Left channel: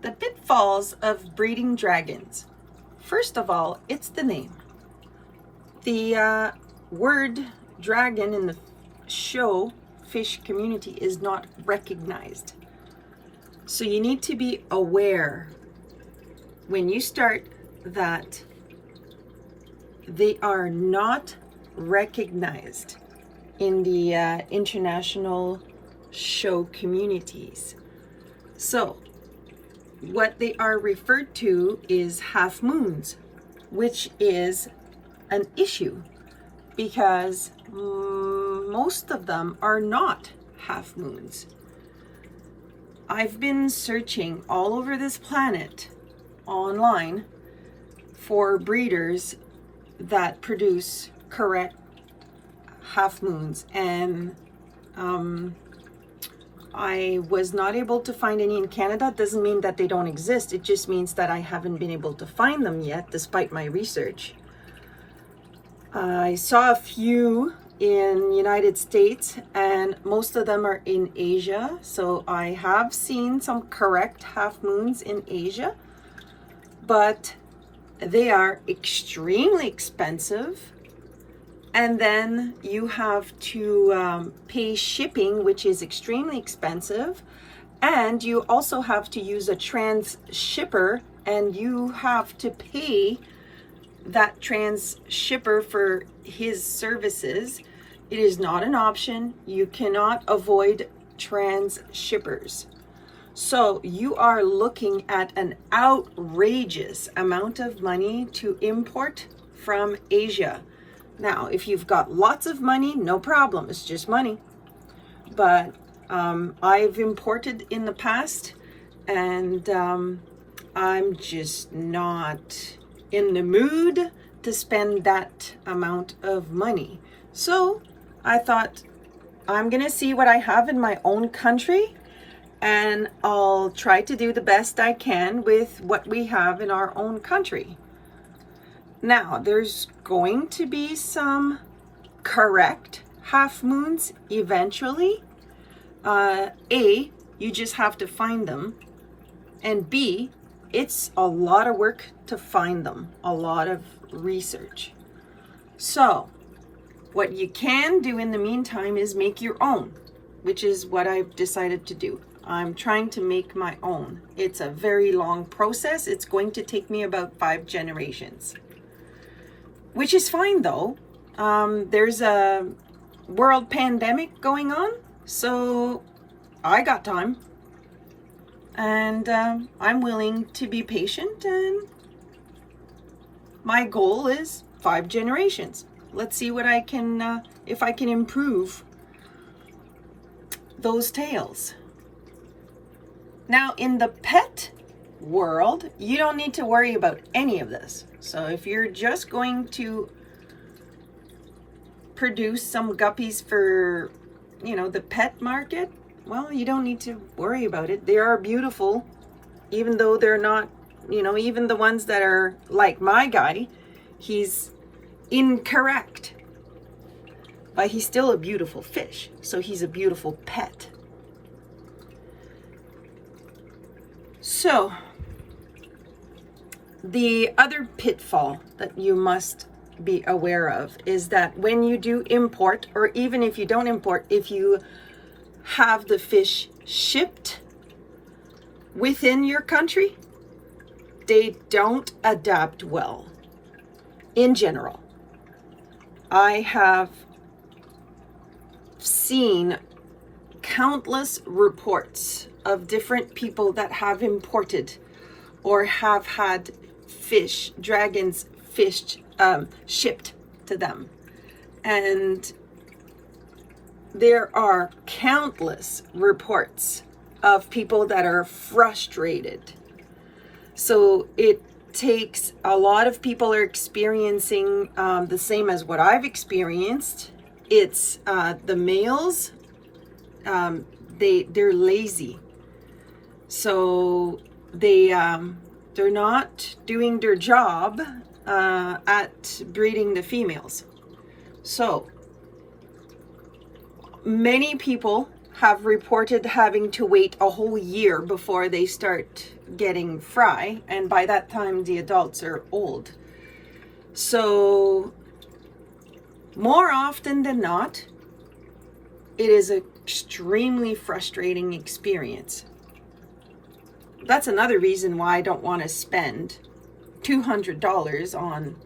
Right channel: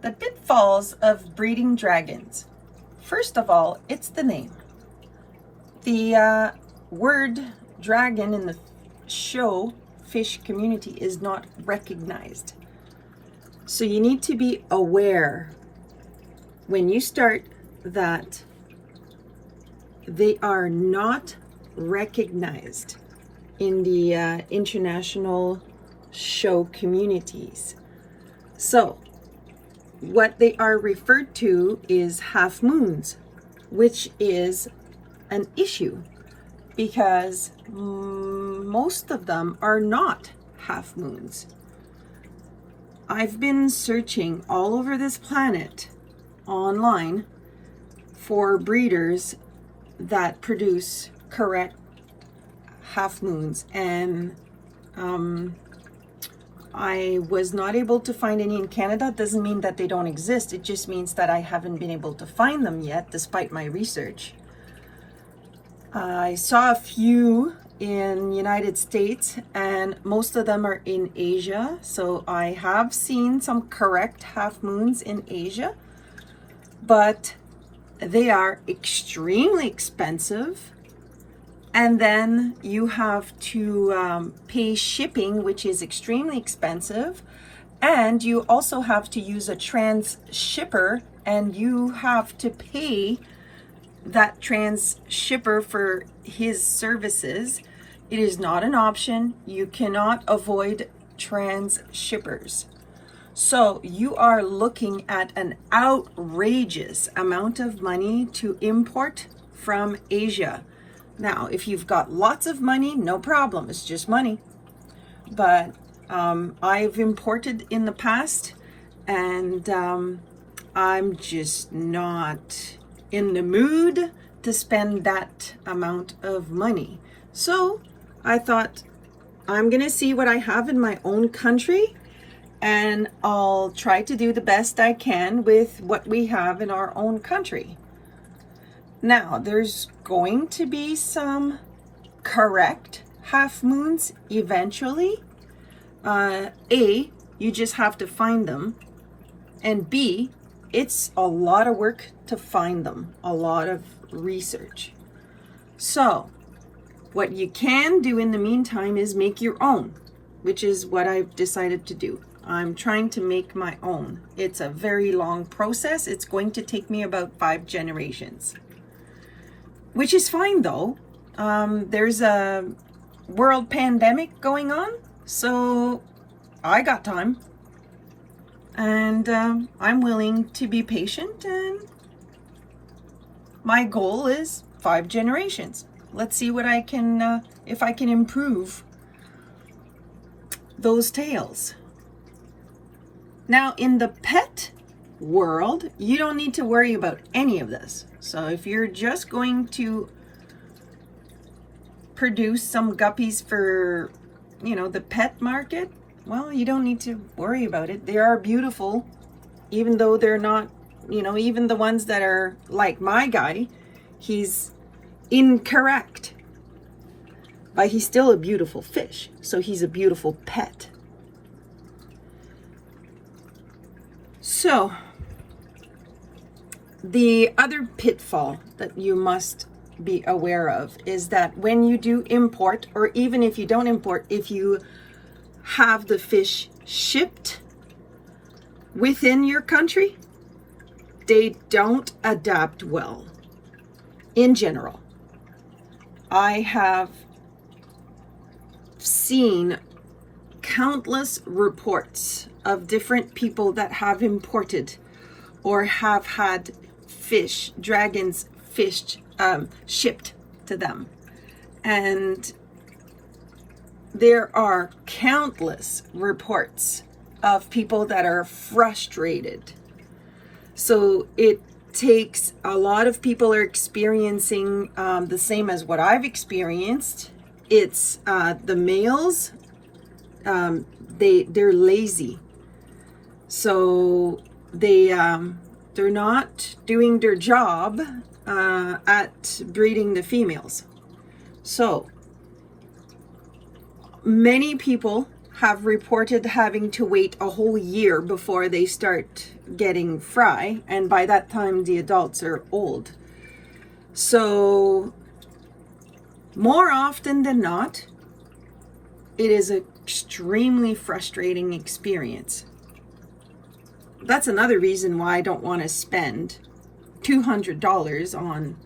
The pitfalls of breeding dragons. First of all, it's the name. The word dragon in the show fish community is not recognized. So you need to be aware when you start that they are not recognized in the international show communities. So what they are referred to is half moons, which is an issue because most of them are not half moons. I've been searching all over this planet online for breeders that produce correct half moons, and I was not able to find any in Canada. Doesn't mean that they don't exist. It just means that I haven't been able to find them yet, despite my research. I saw a few in United States, and most of them are in Asia. So I have seen some correct half moons in Asia, but they are extremely expensive. And then you have to pay shipping, which is extremely expensive. And you also have to use a trans shipper, and you have to pay that trans shipper for his services. It is not an option. You cannot avoid trans shippers. So you are looking at an outrageous amount of money to import from Asia. Now, if you've got lots of money, no problem. It's just money. But I've imported in the past, and I'm just not in the mood to spend that amount of money. So I thought, I'm going to see what I have in my own country, and I'll try to do the best I can with what we have in our own country. Now, there's going to be some correct half moons eventually. A, you just have to find them. And B, it's a lot of work to find them, a lot of research. So, what you can do in the meantime is make your own, which is what I've decided to do. I'm trying to make my own. It's a very long process. It's going to take me about 5 generations. Which is fine though. There's a world pandemic going on, so I got time. And I'm willing to be patient, and my goal is 5 generations. Let's see what I can, if I can improve those tails. Now, in the pet world, you don't need to worry about any of this. So if you're just going to produce some guppies for, the pet market, well, you don't need to worry about it. They are beautiful, even though they're not, even the ones that are like my guy, he's incorrect, but he's still a beautiful fish. So he's a beautiful pet. So the other pitfall that you must be aware of is that when you do import, or even if you don't import, if you have the fish shipped within your country, they don't adapt well in general. I have seen countless reports of different people that have imported or have had dragons shipped to them. And there are countless reports of people that are frustrated. So it takes, a lot of people are experiencing the same as what I've experienced. It's the males, they're lazy. So they're not doing their job at breeding the females. So many people have reported having to wait a whole year before they start getting fry, and by that time the adults are old. So more often than not, it is an extremely frustrating experience. That's another reason why I don't want to spend $200 on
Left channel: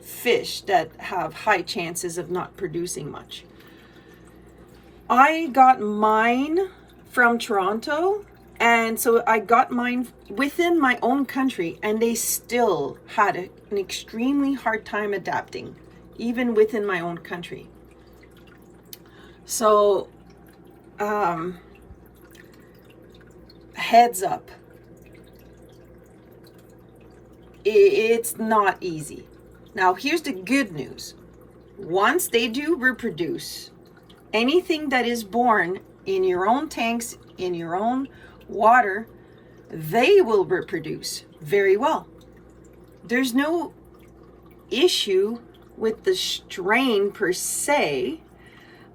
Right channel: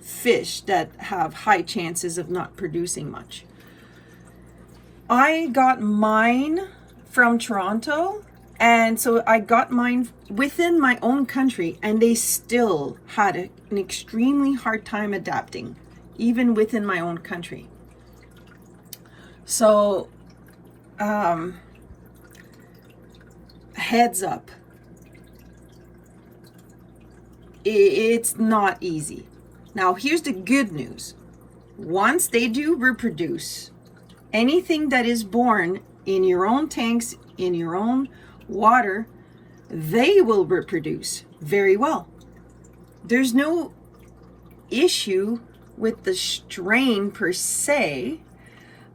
fish that have high chances of not producing much. I got mine from Toronto, and so I got mine within my own country, and they still had an extremely hard time adapting, even within my own country. So, heads up. It's not easy. Now, here's the good news. Once they do reproduce, anything that is born in your own tanks, in your own water, they will reproduce very well. There's no issue with the strain per se.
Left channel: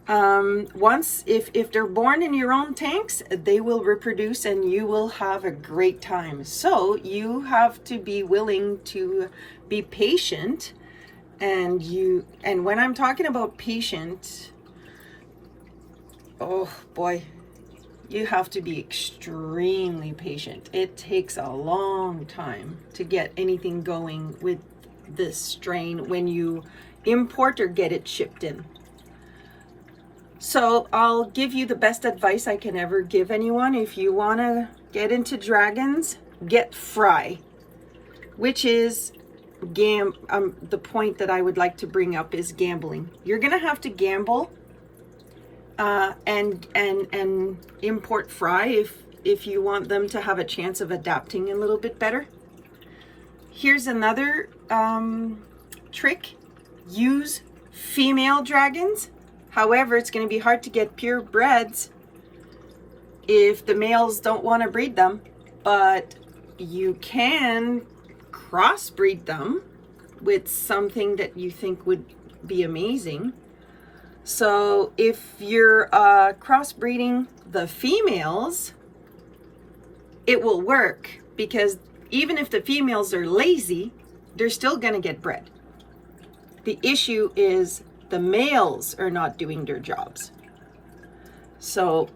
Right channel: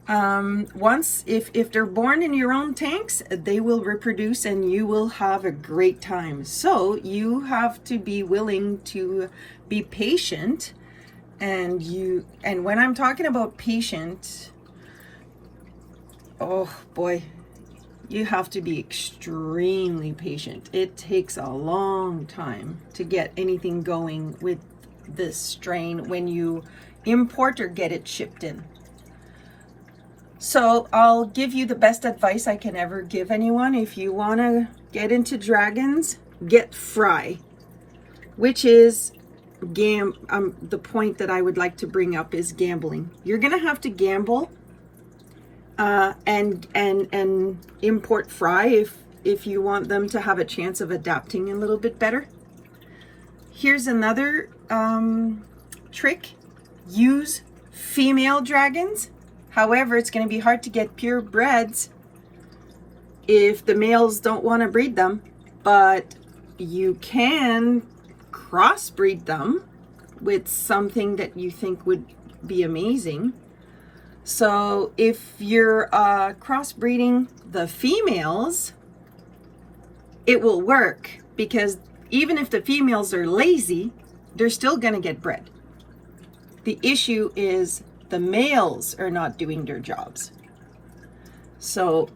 Once, if they're born in your own tanks, they will reproduce and you will have a great time. So you have to be willing to be patient, and when I'm talking about patient, oh boy, you have to be extremely patient. It takes a long time to get anything going with this strain when you import or get it shipped in. So I'll give you the best advice I can ever give anyone. If you want to get into dragons, get fry, which is the point that I would like to bring up is gambling. You're gonna have to gamble and import fry if you want them to have a chance of adapting a little bit better. Here's another trick. Use female dragons. However, it's going to be hard to get purebreds if the males don't want to breed them, but you can crossbreed them with something that you think would be amazing. So if you're crossbreeding the females, it will work, because even if the females are lazy, they're still going to get bred. The issue is the males are not doing their jobs. So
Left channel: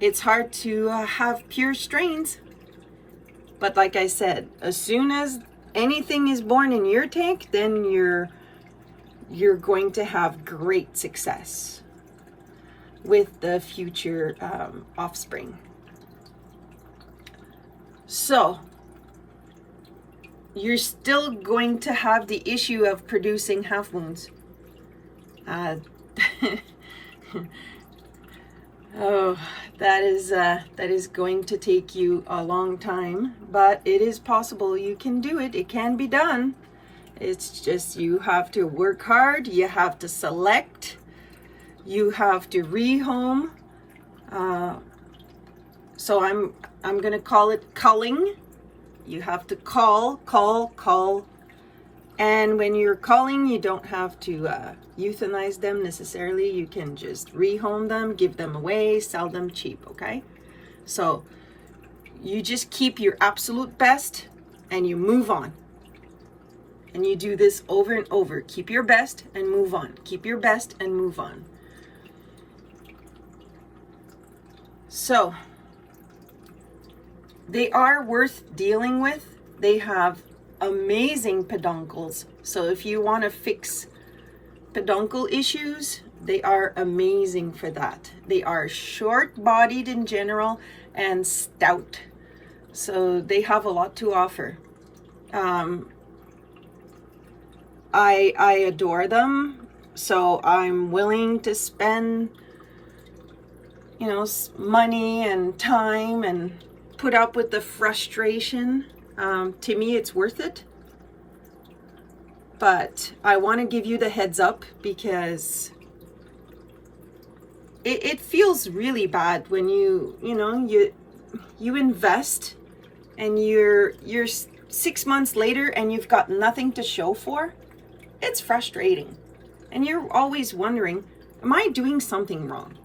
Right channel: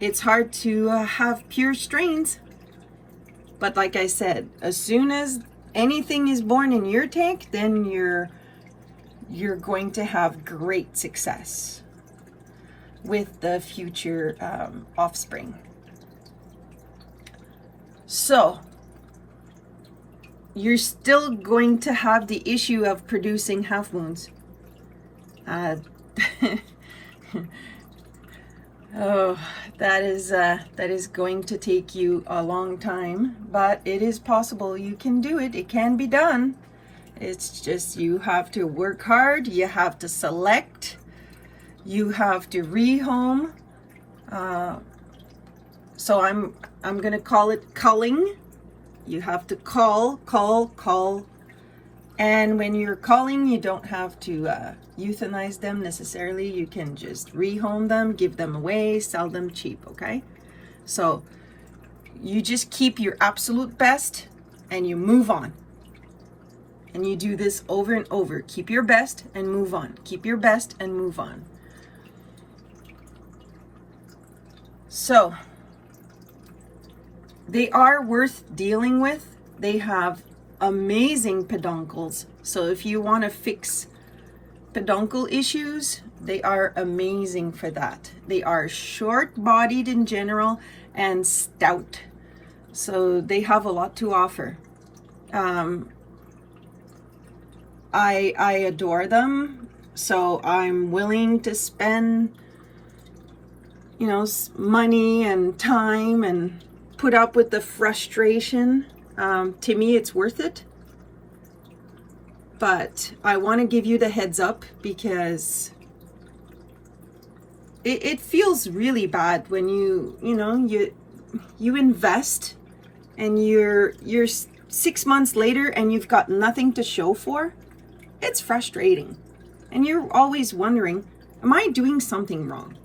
it's hard to have pure strains. But like I said, as soon as anything is born in your tank, then you're going to have great success with the future offspring. So you're still going to have the issue of producing half moons. Oh, that is going to take you a long time, but it is possible. You can do it. It can be done. It's just you have to work hard. You have to select. You have to rehome. So I'm gonna call it culling. You have to call. And when you're calling, you don't have to euthanize them necessarily. You can just rehome them, give them away, sell them cheap, okay? So you just keep your absolute best and you move on. And you do this over and over. Keep your best and move on. Keep your best and move on. So they are worth dealing with. They have amazing peduncles. So if you want to fix peduncle issues, they are amazing for that. They are short-bodied in general and stout. So they have a lot to offer. I adore them. So I'm willing to spend, money and time and put up with the frustration. To me, it's worth it. But I want to give you the heads up, because it feels really bad when you invest and you're 6 months later and you've got nothing to show for. It's frustrating. And you're always wondering, am I doing something wrong?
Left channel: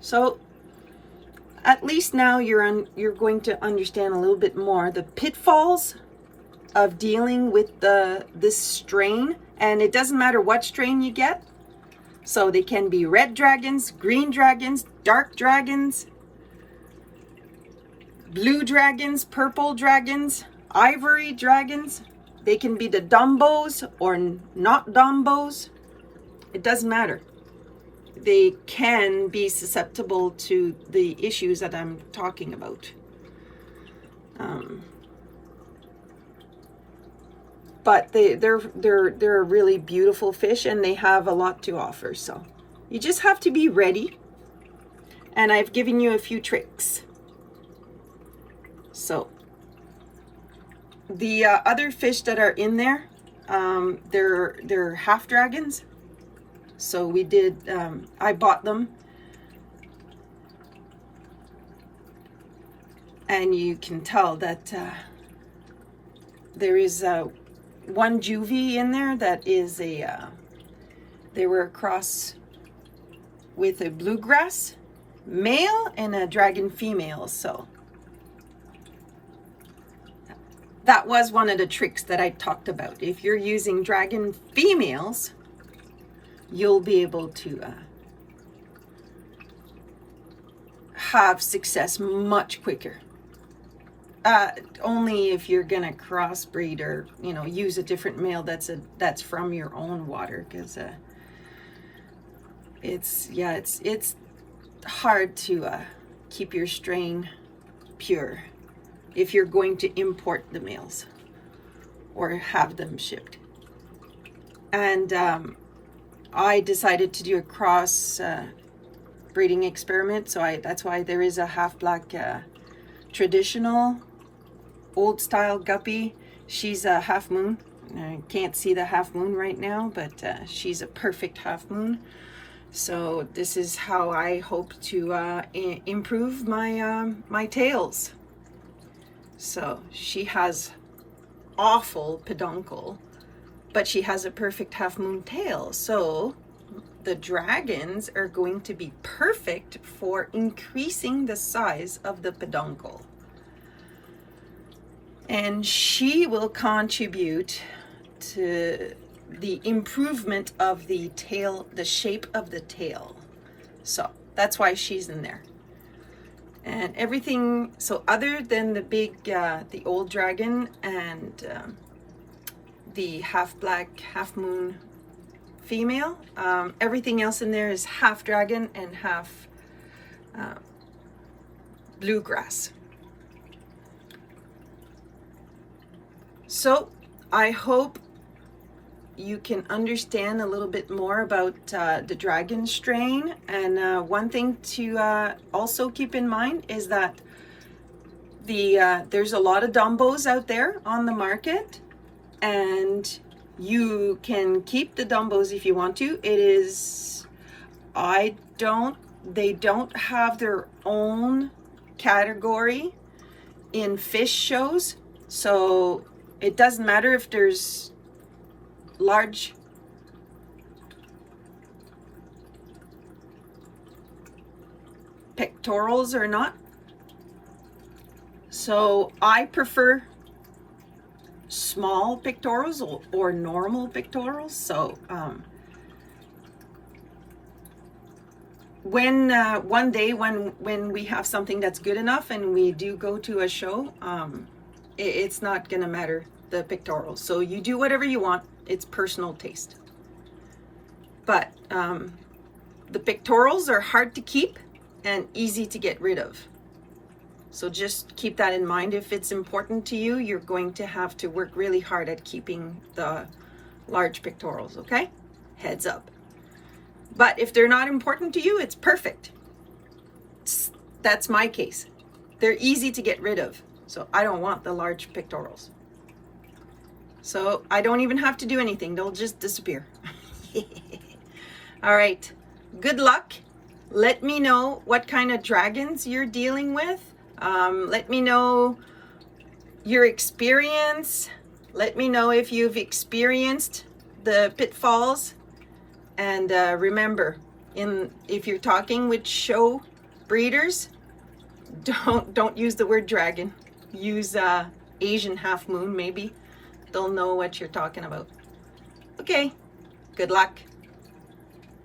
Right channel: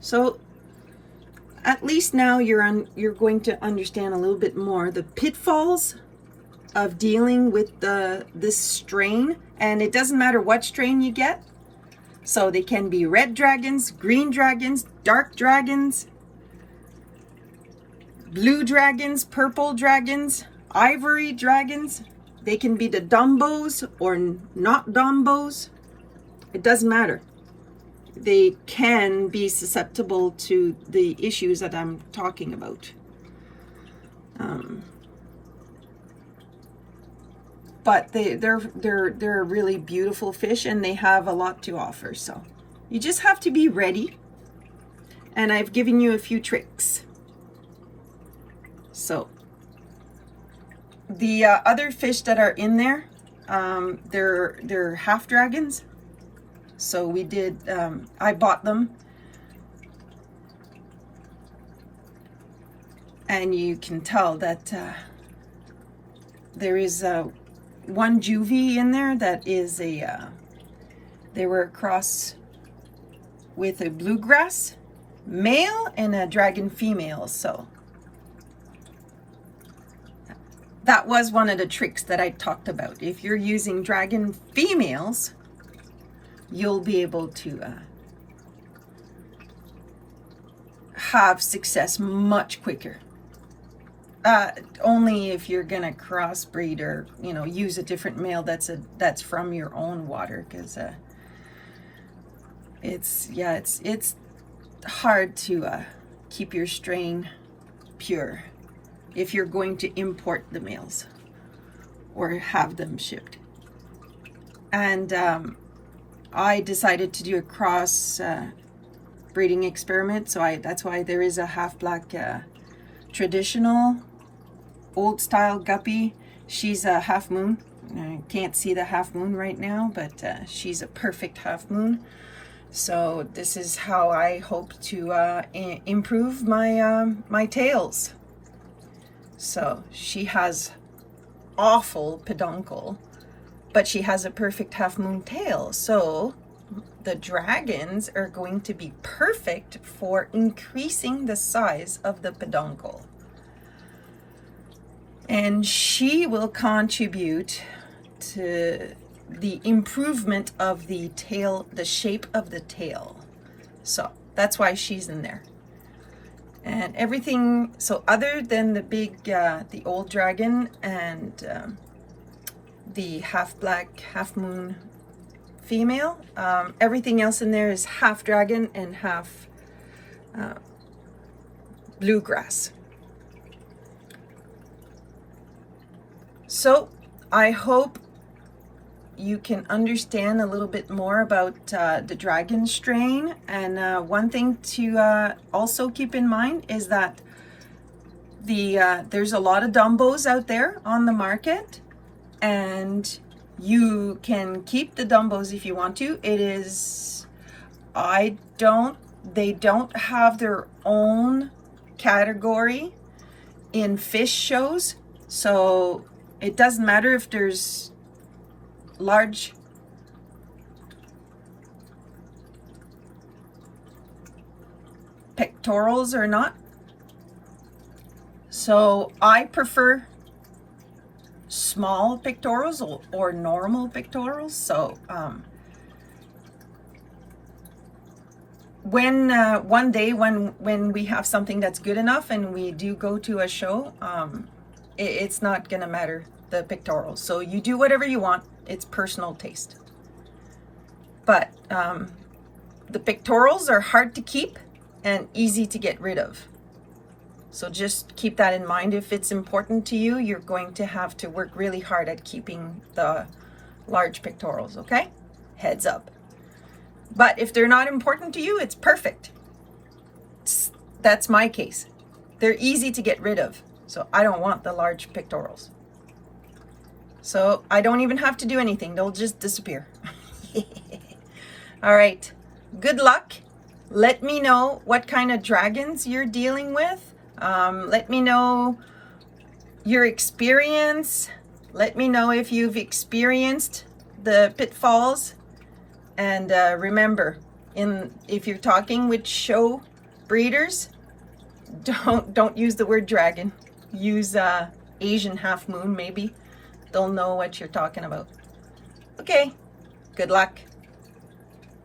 So at least now you're going to understand a little bit more the pitfalls of dealing with this strain. And it doesn't matter what strain you get. So they can be red dragons, green dragons, dark dragons, blue dragons, purple dragons, ivory dragons. They can be the Dumbos or not Dumbos. It doesn't matter. They can be susceptible to the issues that I'm talking about. But they're a really beautiful fish, and they have a lot to offer. So you just have to be ready. And I've given you a few tricks. So the other fish that are in there, they're half dragons. So we did, I bought them. And you can tell that there is one juvie in there that is they were a cross with a bluegrass male and a dragon female. So that was one of the tricks that I talked about. If you're using dragon females, you'll be able to have success much quicker. Only if you're gonna crossbreed or use a different male that's from your own water, because it's hard to keep your strain pure if you're going to import the males or have them shipped. And I decided to do a cross breeding experiment, so that's why there is a half black traditional old style guppy. She's a half moon. I can't see the half moon right now, but she's a perfect half moon. So this is how I hope to improve my tails. So she has awful peduncle, but she has a perfect half moon tail. So the dragons are going to be perfect for increasing the size of the peduncle. And she will contribute to the improvement of the tail, the shape of the tail. So that's why she's in there. And everything, so other than the big, the old dragon and the half black, half moon female, everything else in there is half dragon and half bluegrass. So I hope you can understand a little bit more about the dragon strain. And one thing to also keep in mind is that there's a lot of Dumbos out there on the market, and you can keep the Dumbos if you want to. They don't have their own category in fish shows, so it doesn't matter if there's large pectorals or not. So I prefer small pectorals or normal pectorals. So when one day when we have something that's good enough and we do go to a show, it's not gonna matter the pectorals. So you do whatever you want. It's personal taste. But the pectorals are hard to keep and easy to get rid of. So just keep that in mind. If it's important to you, you're going to have to work really hard at keeping the large pectorals, okay? Heads up. But if they're not important to you, it's perfect. That's my case. They're easy to get rid of. So I don't want the large pectorals. So I don't even have to do anything. They'll just disappear. All right. Good luck. Let me know what kind of dragons you're dealing with. Let me know your experience. Let me know if you've experienced the pitfalls. And remember, if you're talking with show breeders, don't use the word dragon. Use Asian half moon, maybe. They'll know what you're talking about. Okay, good luck.